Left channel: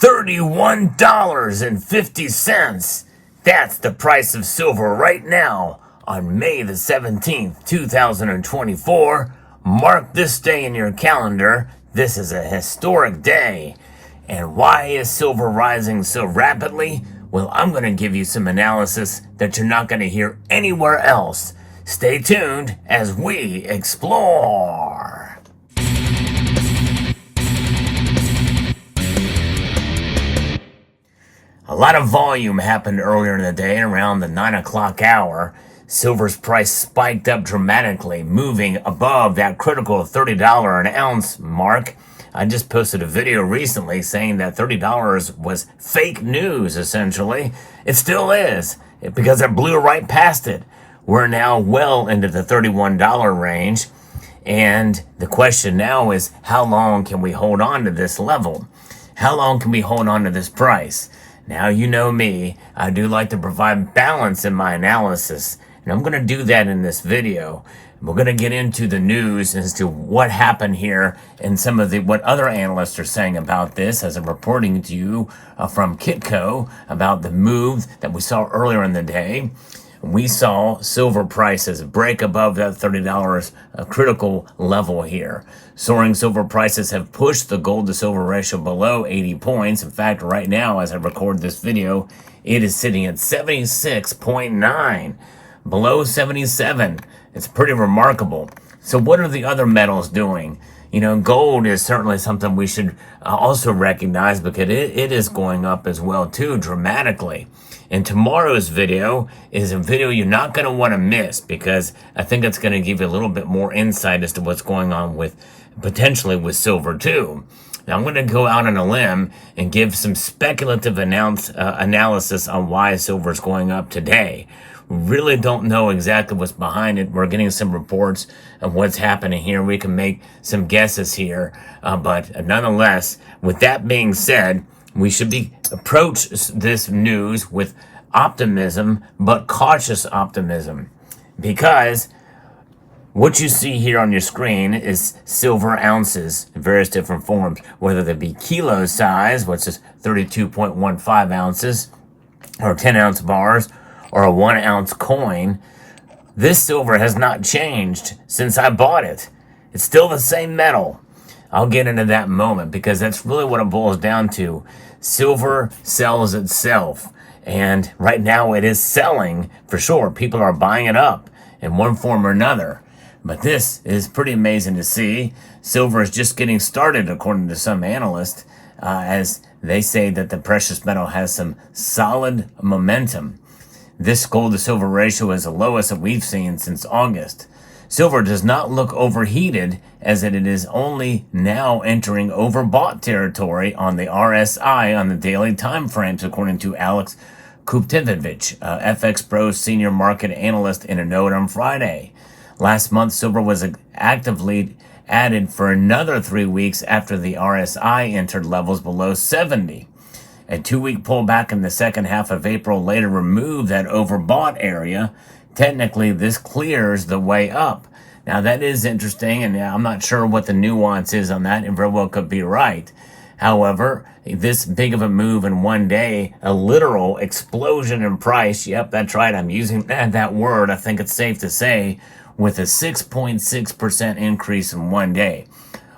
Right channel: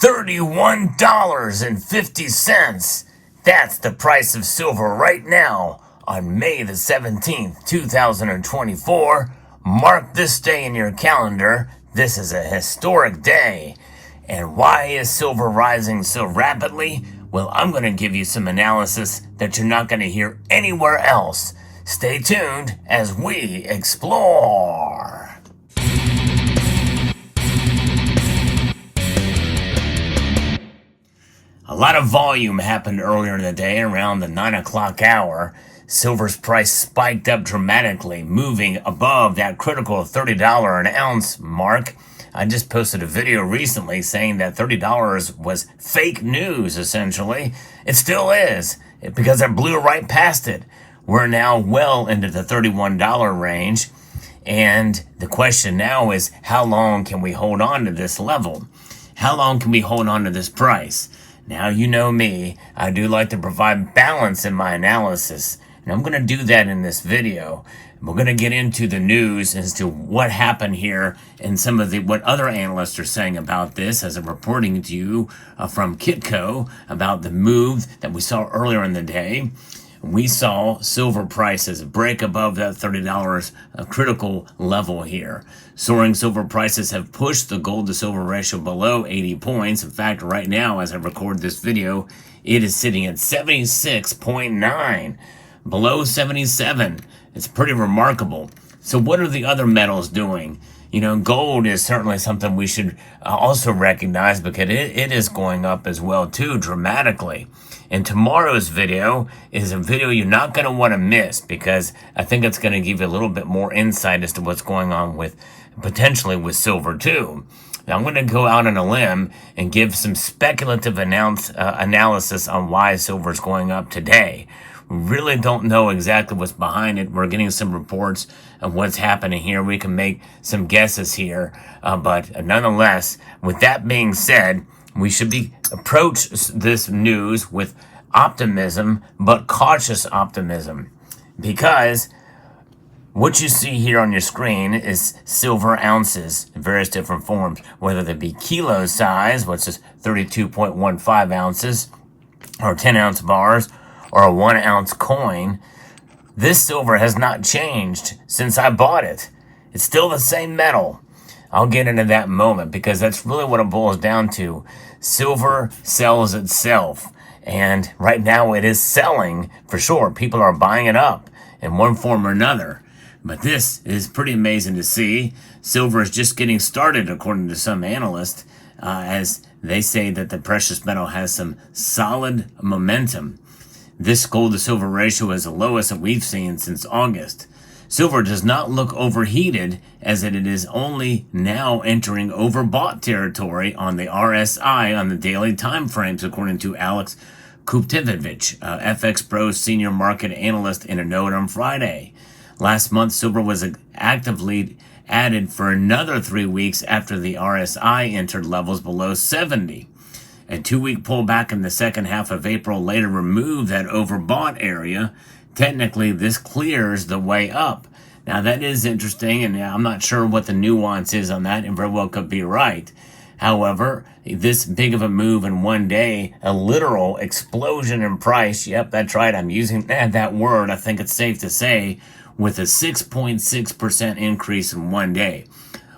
$31.50. That's the price of silver right now on May the 17th, 2024. Mark this day in your calendar. This is a historic day. And why is silver rising so rapidly? Well, I'm going to give you some analysis that you're not going to hear anywhere else. Stay tuned as we explore. A lot of volume happened earlier in the day around the 9 o'clock hour. Silver's price spiked up dramatically, moving above that critical $30 an ounce mark. I just posted a video recently saying that $30 was fake news, essentially. It still is, because it blew right past it. We're now well into the $31 range. And the question now is, how long can we hold on to this level? How long can we hold on to this price? Now, you know me, I do like to provide balance in my analysis, and I'm going to do that in this video. We're going to get into the news as to what happened here and some of what other analysts are saying about this, as I'm reporting to you from Kitco about the move that we saw earlier in the day. We saw silver prices break above that $30 critical level here. Soaring silver prices have pushed the gold to silver ratio below 80 points. In fact, right now, as I record this video, it is sitting at 76.9, below 77. It's pretty remarkable. So what are the other metals doing? You know, gold is certainly something we should also recognize, because it is going up as well, too, dramatically. And tomorrow's video is a video you're not going to want to miss, because I think it's going to give you a little bit more insight as to what's going on with, potentially with silver, too. Now, I'm going to go out on a limb and give some speculative analysis on why silver is going up today. We really don't know exactly what's behind it. We're getting some reports of what's happening here. We can make some guesses here. But nonetheless, with that being said, we should approach this news with optimism, but cautious optimism. Because what you see here on your screen is silver ounces in various different forms, whether they be kilo size, which is 32.15 ounces, or 10-ounce bars, or a 1-ounce coin. This silver has not changed since I bought it. It's still the same metal. I'll get into that in a moment, because that's really what it boils down to. Silver sells itself, and right now it is selling for sure. People are buying it up in one form or another. But this is pretty amazing to see. Silver is just getting started, according to some analysts, as they say that the precious metal has some solid momentum. This gold to silver ratio is the lowest that we've seen since August. Silver does not look overheated, as it is only now entering overbought territory on the RSI on the daily time frames, according to Alex Kuptevich, FX Pro's senior market analyst, in a note on Friday. Last month, silver was actively added for another 3 weeks after the RSI entered levels below 70. A 2-week pullback in the second half of April later removed that overbought area. Technically, this clears the way up. Now, that is interesting, and I'm not sure what the nuance is on that, and very well could be right. However, this big of a move in one day, a literal explosion in price, yep, that's right, I'm using that word, I think it's safe to say, with a 6.6% increase in one day.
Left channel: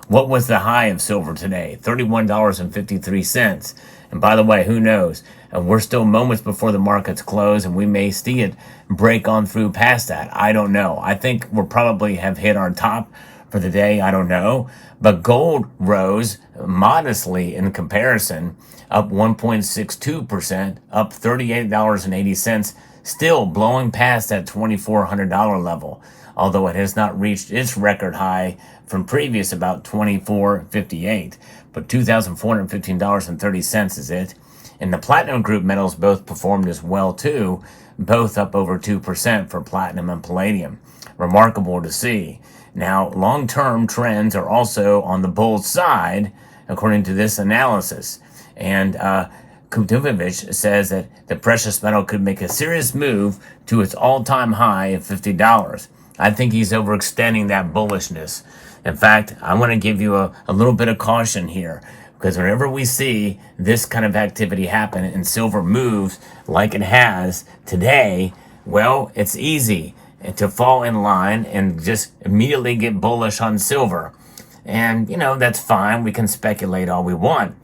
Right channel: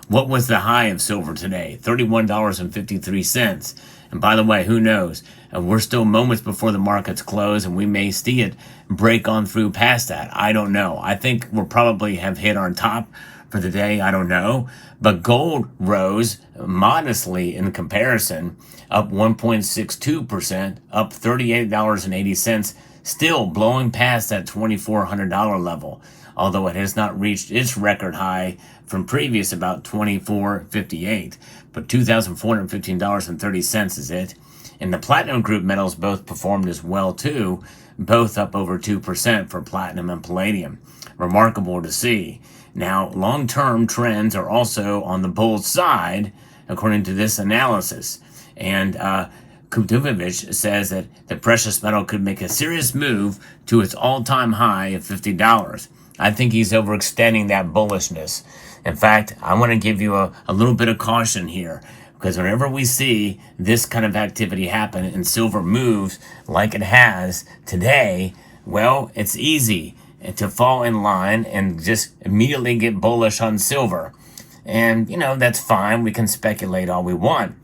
What was the high of silver today? $31.53. And by the way, who knows? We're still moments before the markets close, and we may see it break on through past that. I don't know. I think we'll probably have hit our top for the day. I don't know. But gold rose modestly in comparison, up 1.62%, up $38.80, still blowing past that $2,400 level, although it has not reached its record high from previous about $2,458. But $2,415.30 is it. And the platinum group metals both performed as well too, both up over 2% for platinum and palladium. Remarkable to see. Now, long-term trends are also on the bull side, according to this analysis. And Kuptevich says that the precious metal could make a serious move to its all-time high of $50. I think he's overextending that bullishness. In fact, I want to give you a little bit of caution here. Because whenever we see this kind of activity happen and silver moves like it has today, well, it's easy to fall in line and just immediately get bullish on silver. And, that's fine. We can speculate all we want.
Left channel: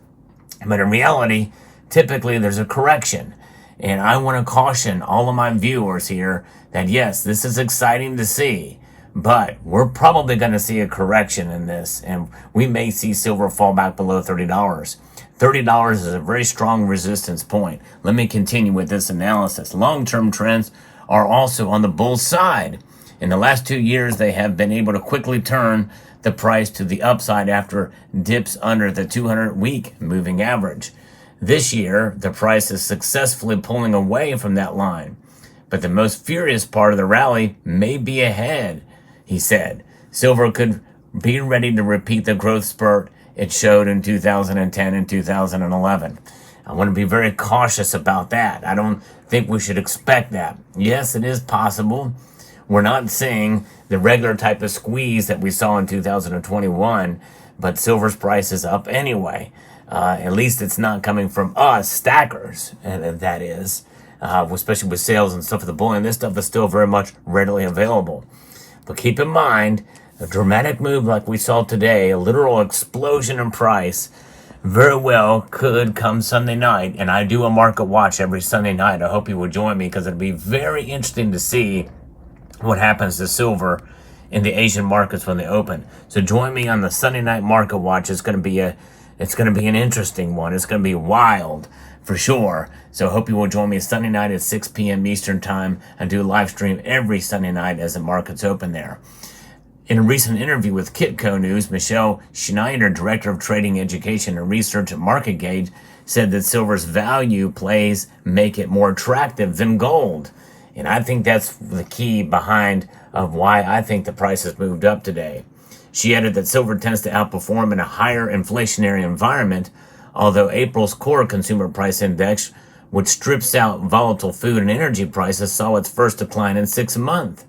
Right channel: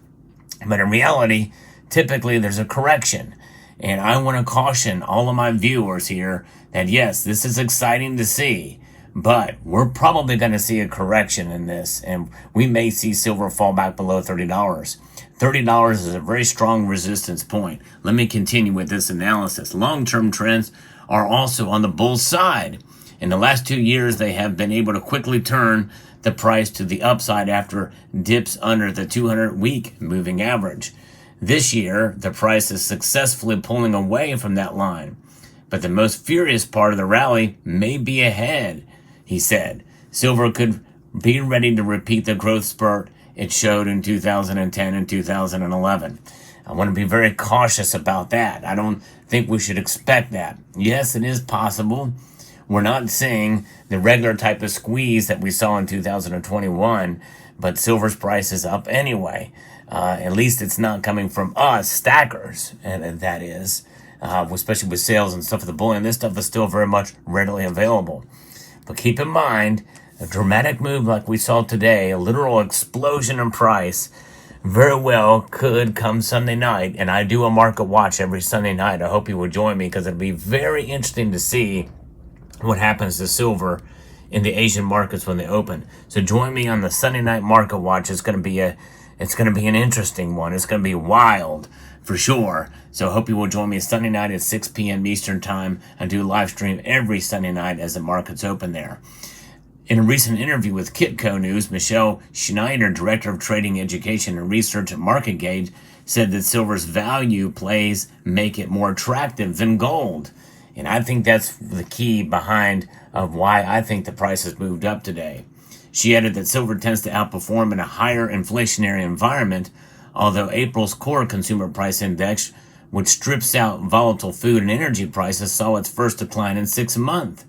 But in reality, typically there's a correction. And I want to caution all of my viewers here that yes, this is exciting to see, but we're probably going to see a correction in this, and we may see silver fall back below $30. $30 is a very strong resistance point. Let me continue with this analysis. Long-term trends are also on the bull side. In the last 2 years, they have been able to quickly turn the price to the upside after dips under the 200-week moving average. This year, the price is successfully pulling away from that line. But the most furious part of the rally may be ahead, he said. Silver could be ready to repeat the growth spurt it showed in 2010 and 2011. I want to be very cautious about that. I don't think we should expect that. Yes, it is possible. We're not seeing the regular type of squeeze that we saw in 2021, but silver's price is up anyway. At least it's not coming from us, stackers, and that is, especially with sales and stuff of the bullion. This stuff is still very much readily available. But keep in mind, a dramatic move like we saw today, a literal explosion in price, very well could come Sunday night. And I do a market watch every Sunday night. I hope you will join me because it'd be very interesting to see what happens to silver in the Asian markets when they open. So join me on the Sunday night market watch. It's going to be an interesting one. It's going to be wild for sure. So I hope you will join me Sunday night at 6 p.m. Eastern time. I do live stream every Sunday night as the markets open there. In a recent interview with Kitco News, Michelle Schneider, Director of Trading Education and Research at MarketGauge, said that silver's value plays make it more attractive than gold. And I think that's the key behind of why I think the price has moved up today. She added that silver tends to outperform in a higher inflationary environment, although April's core consumer price index, which strips out volatile food and energy prices, saw its first decline in 6 months.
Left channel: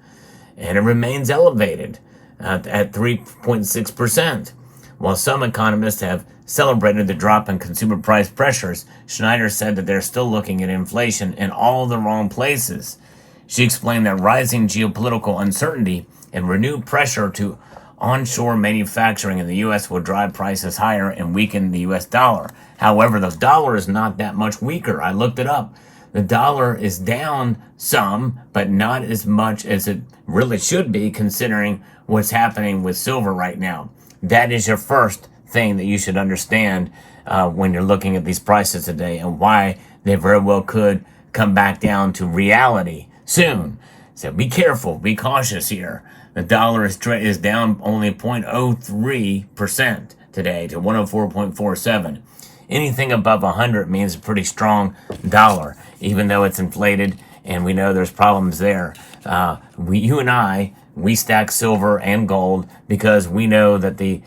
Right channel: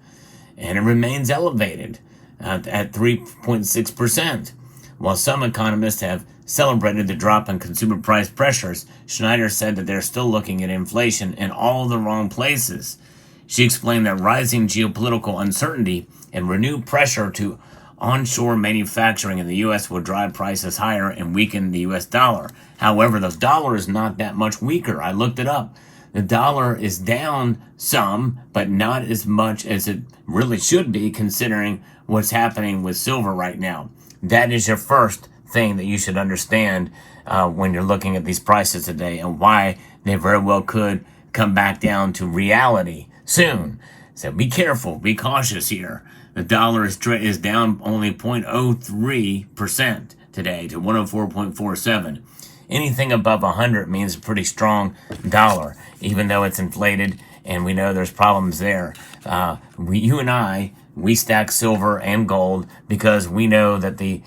And it remains elevated at 3.6%. While some economists have celebrated the drop in consumer price pressures, Schneider said that they're still looking at inflation in all the wrong places. She explained that rising geopolitical uncertainty and renewed pressure to onshore manufacturing in the U.S. will drive prices higher and weaken the U.S. dollar. However, the dollar is not that much weaker. I looked it up. The dollar is down some, but not as much as it really should be considering what's happening with silver right now. That is your first thing that you should understand when you're looking at these prices today and why they very well could come back down to reality soon. So be careful, be cautious here. The dollar is down only 0.03% today to 104.47. Anything above 100 means a pretty strong dollar, even though it's inflated, and we know there's problems there. You and I, we stack silver and gold because we know that the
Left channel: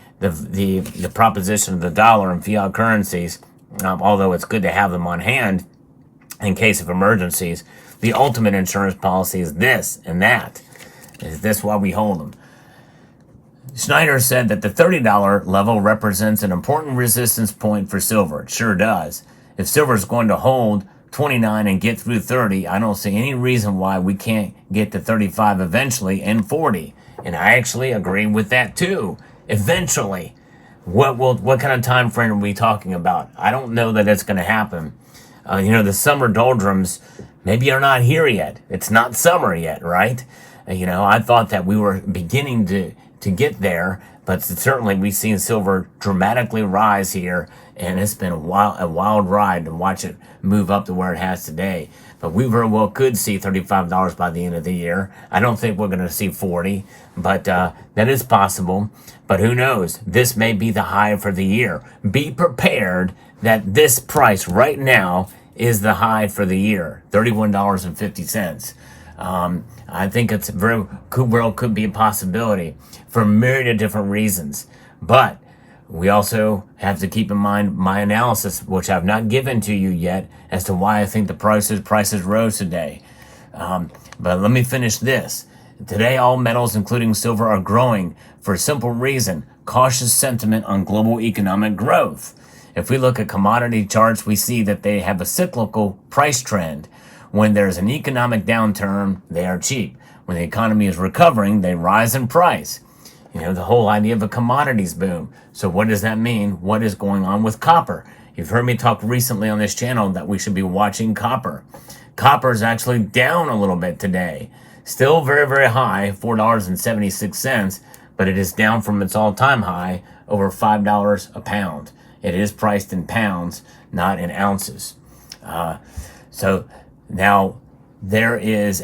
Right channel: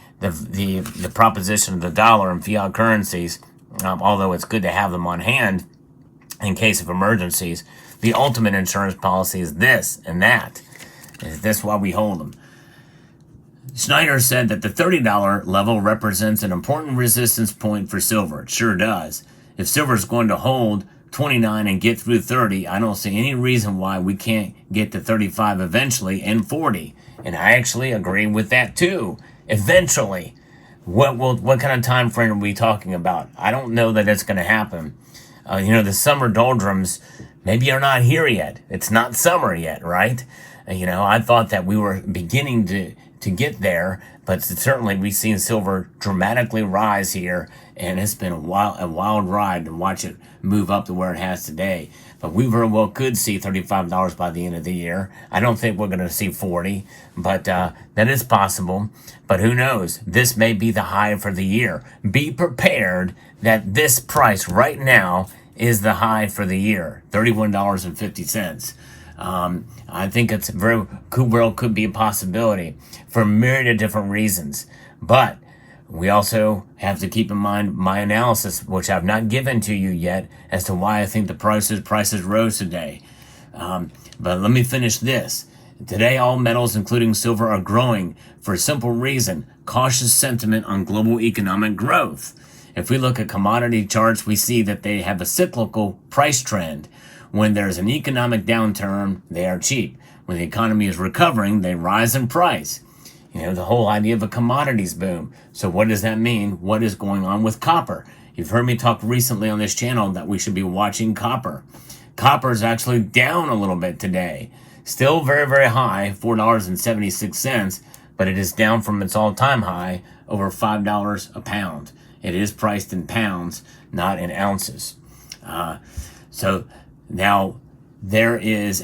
proposition of the dollar and fiat currencies, although it's good to have them on hand in case of emergencies, the ultimate insurance policy is this and that. That's why we hold them. Schneider said that the $30 level represents an important resistance point for silver. It sure does. If silver is going to hold 29 and get through 30, I don't see any reason why we can't get to 35 eventually and 40. And I actually agree with that too. Eventually. What kind of time frame are we talking about? I don't know that it's going to happen. The summer doldrums maybe are not here yet. It's not summer yet, right? I thought that we were beginning to get there, but certainly we've seen silver dramatically rise here, and it's been a wild ride to watch it move up to where it has today. But we very well could see $35 by the end of the year. I don't think we're going to see 40, but that is possible. But who knows? This may be the high for the year. Be prepared that this price right now is the high for the year, $31.50. I think it's could be a possibility for a myriad of different reasons. But we also have to keep in mind my analysis, which I've not given to you yet, as to why I think the prices rose today. But let me finish this. Today, all metals, including silver, are growing for a simple reason: cautious sentiment on global economic growth. If we look at commodity charts, we see that they have a cyclical price trend. When there's an economic downturn, they are cheap. When the economy is recovering, they rise in price. The whole idea of a commodities boom. So what does that mean? What is going on with copper? You've heard me talk recently on this channel that we should be watching copper. Copper is actually down a little bit today. Still very, very high, $4.76, but it is down from its all-time high, over $5 a pound. It is priced in pounds, not in ounces. So now there is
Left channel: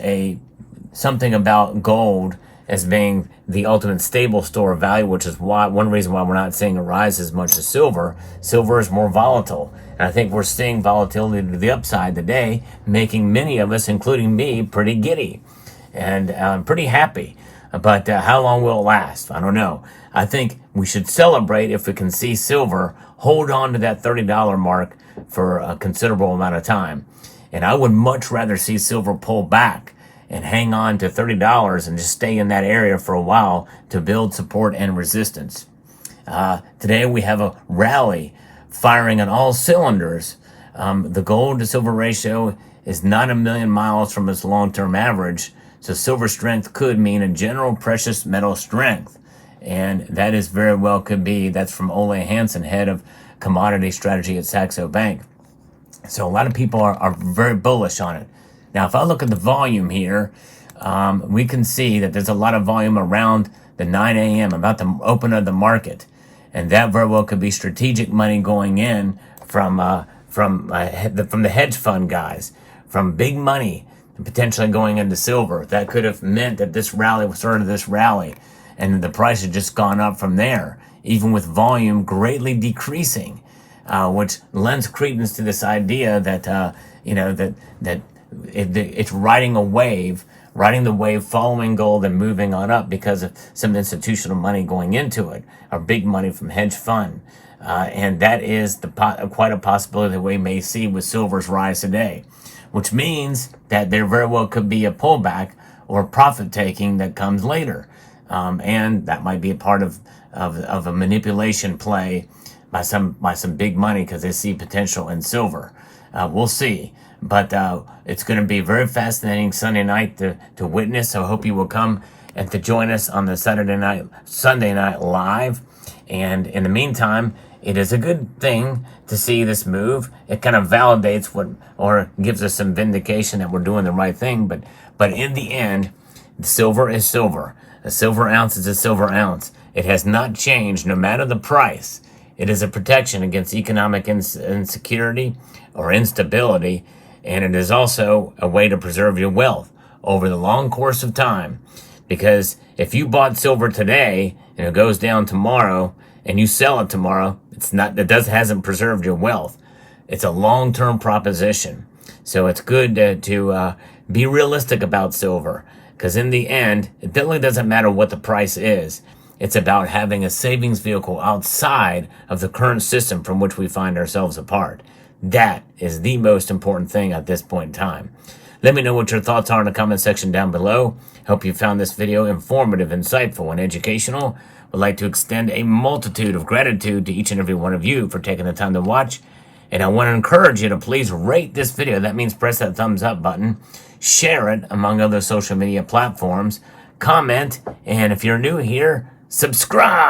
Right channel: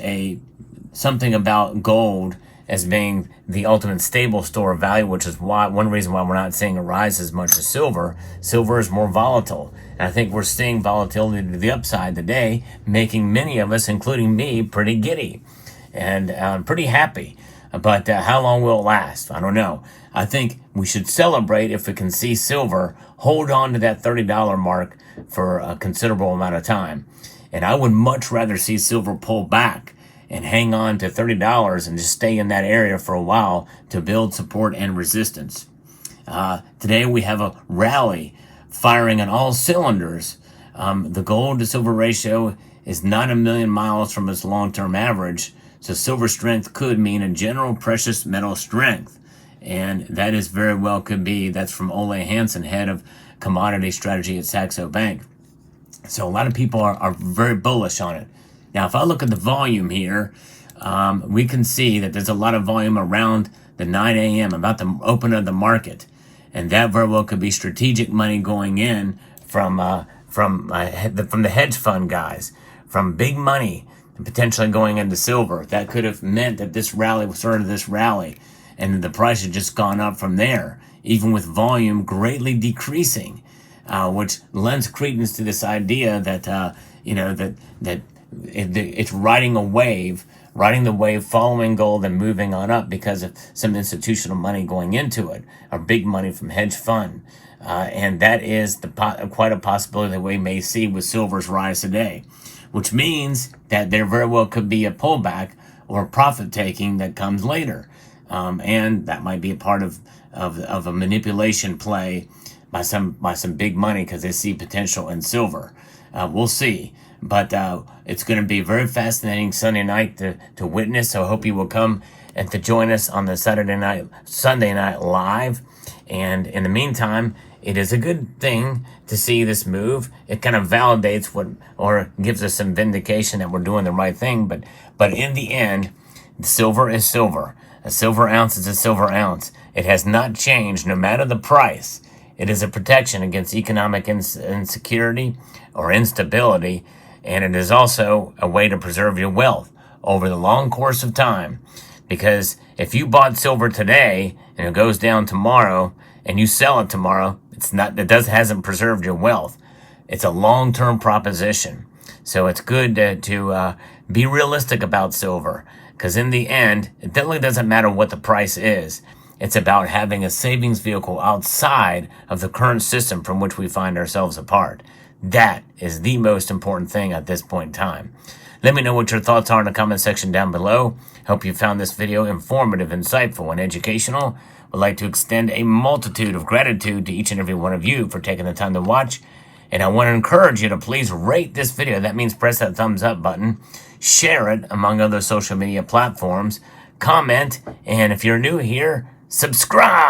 something about gold as being the ultimate stable store of value, which is one reason why we're not seeing it rise as much as silver. Silver is more volatile. And I think we're seeing volatility to the upside today, making many of us, including me, pretty giddy and pretty happy. But how long will it last? I don't know. I think we should celebrate if we can see silver hold on to that $30 mark for a considerable amount of time. And I would much rather see silver pull back and hang on to $30 and just stay in that area for a while to build support and resistance. Today we have a rally firing on all cylinders. The gold to silver ratio is not a million miles from its long-term average, so silver strength could mean a general precious metal strength. And that is very well could be. That's from Ole Hansen, head of commodity strategy at Saxo Bank. So a lot of people are very bullish on it. Now, if I look at the volume here, we can see that there's a lot of volume around the 9 a.m., about the open of the market. And that very well could be strategic money going in from the hedge fund guys, from big money, potentially going into silver. That could have meant that this rally started this rally, and the price had just gone up from there, even with volume greatly decreasing, which lends credence to this idea that it's riding the wave, following gold and moving on up because of some institutional money going into it, or big money from hedge fund. And that is quite a possibility that we may see with silver's rise today, which means that there very well could be a pullback or profit taking that comes later. And that might be a part of a manipulation play by some big money because they see potential in silver. We'll see. But it's going to be very fascinating Sunday night to witness. So I hope you will come and to join us on the Sunday night live. And in the meantime, it is a good thing to see this move. It kind of validates or gives us some vindication that we're doing the right thing. But in the end, silver is silver. A silver ounce is a silver ounce. It has not changed no matter the price. It is a protection against economic insecurity or instability. And it is also a way to preserve your wealth over the long course of time. Because if you bought silver today and it goes down tomorrow and you sell it tomorrow, hasn't preserved your wealth. It's a long-term proposition. So it's good to be realistic about silver. Because in the end, it really doesn't matter what the price is. It's about having a savings vehicle outside of the current system from which we find ourselves apart. That is the most important thing at this point in time. Let me know what your thoughts are in the comment section down below. Hope you found this video informative, insightful, and educational. Would like to extend a multitude of gratitude to each and every one of you for taking the time to watch. And I want to encourage you to please rate this video. That means press that thumbs up button. Share it among other social media platforms. Comment. And if you're new here, subscribe.